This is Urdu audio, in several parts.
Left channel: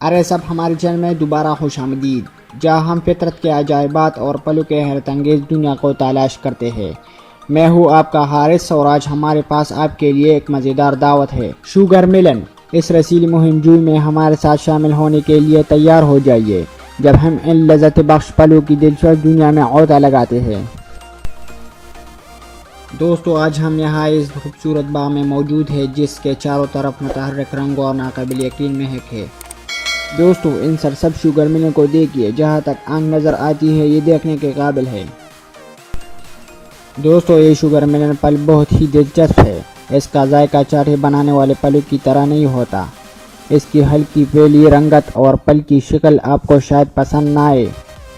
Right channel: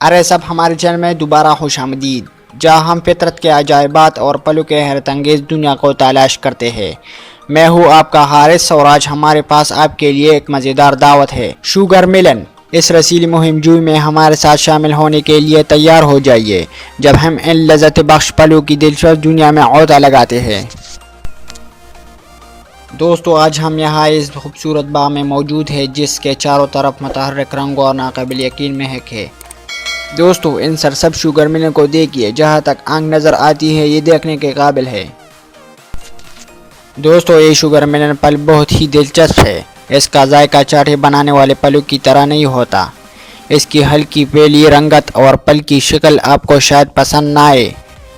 ارے سب ہمارے چینل میں دوبارہ خوش آمدید، جہاں ہم فطرت کے عجائبات اور پلوں کے حیرت انگیز دنیا کو تلاش کرتے ہیں۔ میں ہوں آپ کا حارث اور آج ہمارے پاس آپ کے لیے ایک مزیدار دعوت ہے، شوگر ملن۔ اس رسیلی مہم جوئی میں ہمارے ساتھ شامل ہونے کے لیے تیار ہو جائیے جب ہم ان لذت بخش پلوں کی دلچسپ دنیا میں عودہ لگاتے ہیں۔ دوستو، آج ہم یہاں اس خوبصورت باغ میں موجود ہیں جس کے چاروں طرف متحرک رنگ اور ناقابل یقین مہک ہے۔ دوستو، ان سرسبز شوگر ملن کو دیکھیے، جہاں تک آنکھ نظر آتی ہے یہ دیکھنے کے قابل ہے۔ دوستو، یہ شوگر ملن پل بہت ہی دلچسپ ہے۔ اس کا ذائقہ چاٹے بنانے والے پلوں کی طرح نہیں ہوتا۔ اس کی ہلکی پیلی رنگت اور پل کی شکل آپ کو شاید پسند نہ آئے،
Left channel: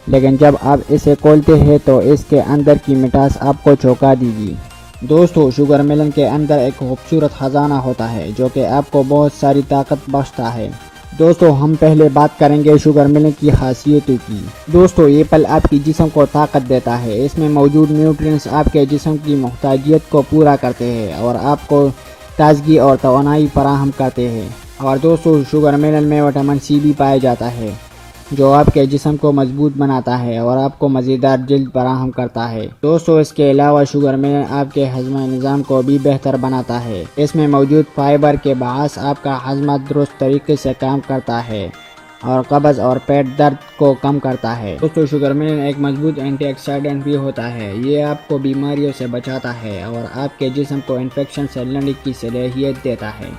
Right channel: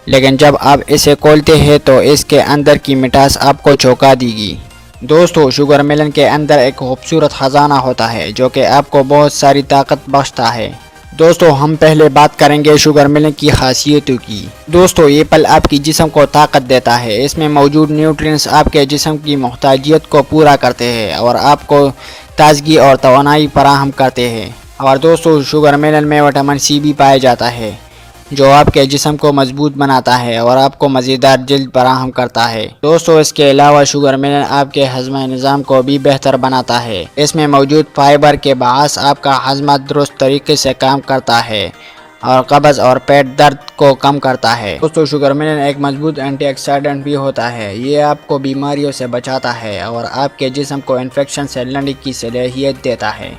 لیکن جب آپ اسے کھولتے ہیں تو اس کے اندر کی مٹھاس آپ کو چونکا دے گی۔ دوستو، شوگر ملن کے اندر ایک خوبصورت خزانہ ہوتا ہے جو کہ آپ کو بہت ساری طاقت بخشتا ہے۔ دوستو، ہم پہلے بات کریں گے شوگر ملن کی خاصیتوں کی۔ دوستو، یہ پل آپ کی جسم کو طاقت دیتا ہے۔ اس میں موجود نیوٹرینٹس آپ کے جسم کی محتاجیت کو پورا کرتے ہیں اور آپ کو تازگی اور توانائی فراہم کرتے ہیں۔ اور دوستو، شوگر ملن میں وٹامن سی بھی پایا جاتا ہے جو آپ کے جسم کو مضبوط بناتا ہے اور آپ کو مزیدار جلد فراہم کرتا ہے۔ دوستو، اس کے علاوہ شوگر ملن آپ کے ہضمہ نظام کو بھی بہتر بناتا ہے۔ اس میں موجود فائبر کے باعث آپ کا ہضمہ درست طریقے سے کام کرتا ہے اور قبض اور پیٹ درد کو کم کرتا ہے۔ دوستو، شوگر ملن ایک مضبوط اینٹی آکسیڈنٹ بھی ہوتا ہے۔ یہ آپ کو بیماریوں سے بچاتا ہے اور آپ کے جسم کو انفیکشن سے لڑنے کی صلاحیت دیتا ہے۔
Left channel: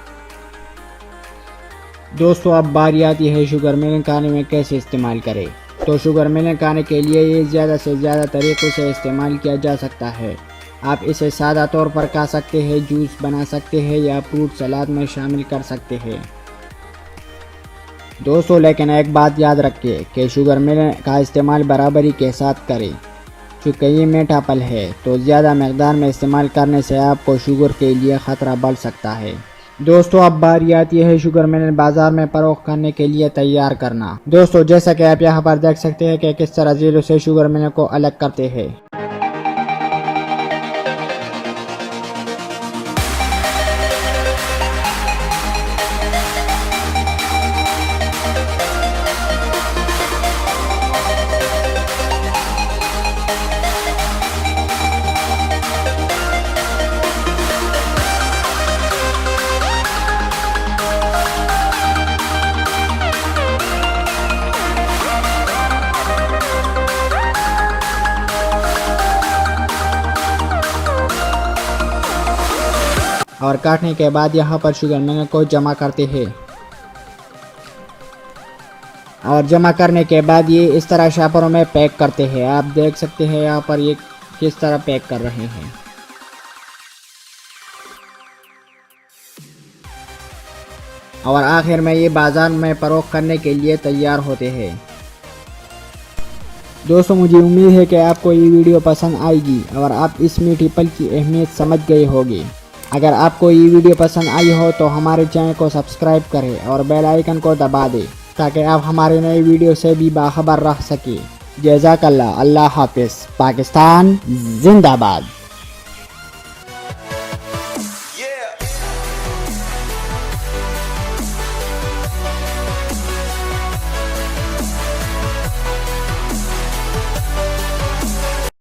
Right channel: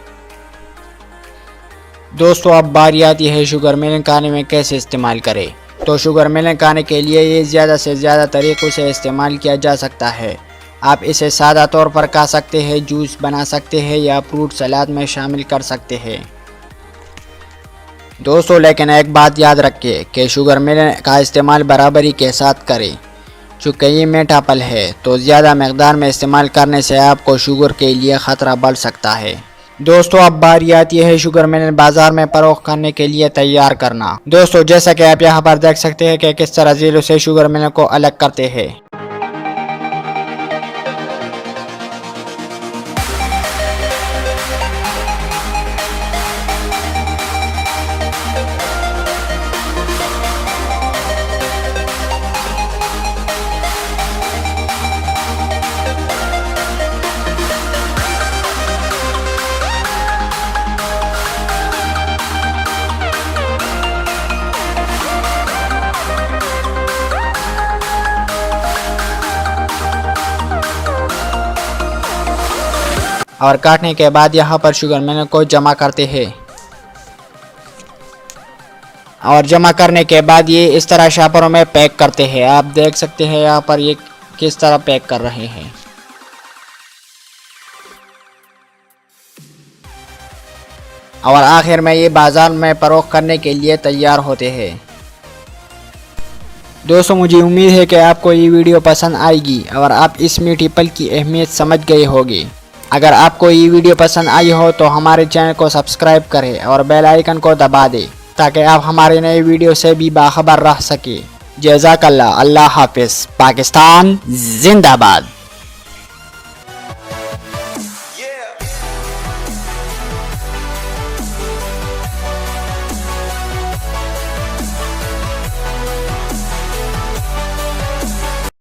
دوستو، اب باری آتی ہے شوگر ملن کھانے میں کیسے استعمال کریں۔ تو شوگر ملن کھانے کے لیے یہ زیادہ سے زیادہ طریقوں سے استعمال کیا جا سکتا ہے۔ آپ اسے سادہ طور پر کھا سکتے ہیں، جوس بنا سکتے ہیں یا فروٹ سلاد میں شامل کر سکتے ہیں۔ دوستو، لیکن ایک بات یاد رکھیں کہ شوگر ملن کا استعمال برابری کے ساتھ کریں۔ چونکہ یہ میٹھا پھل ہے تو زیادہ مقدار میں استعمال کرنے سے آپ کو شوگر کے لیے خطرہ بڑھ سکتا ہے۔ دوستو، اب باری آتی ہے شوگر ملن بازار میں فروخت کرنے کے لیے تیار کرنا۔ دوستو، جیسا کہ آپ یہاں پر دیکھ سکتے ہیں کہ کس طرح ذیلوں سے شوگر ملن کو الگ کرتے ہیں۔ اور کاٹنے کے بعد یہاں پر شوگر ملن کو جمع کرتے ہیں اور جمع کرنے کے بعد یہ اس طرح شاپروں میں پیک کرتے ہیں۔ آپ دیکھ سکتے ہیں یہاں پر یہ کس طرح پیک کر رہے ہیں۔ اور آخر میں یہ بازار میں فروخت کرنے کے لیے تیار ہوتے ہیں۔ دوستو، مجھے امید ہے کہ آپ کو یہ ویڈیو پسند آئے گی اور آپ اس میٹھی پل کی اہمیت سمجھ گئے ہوگی۔ اگر آپ کو یہ ویڈیو پسند آئی ہو تو ہمارے چینل کو سبسکرائب کریں اور بیل آئیکن کو دبا دیں تاکہ آپ ہمارے نئے ویڈیو سے بھی باخبر رہ سکیں۔ جزاک اللہ۔ اللہ حافظ۔ پاکستان زندہ باد۔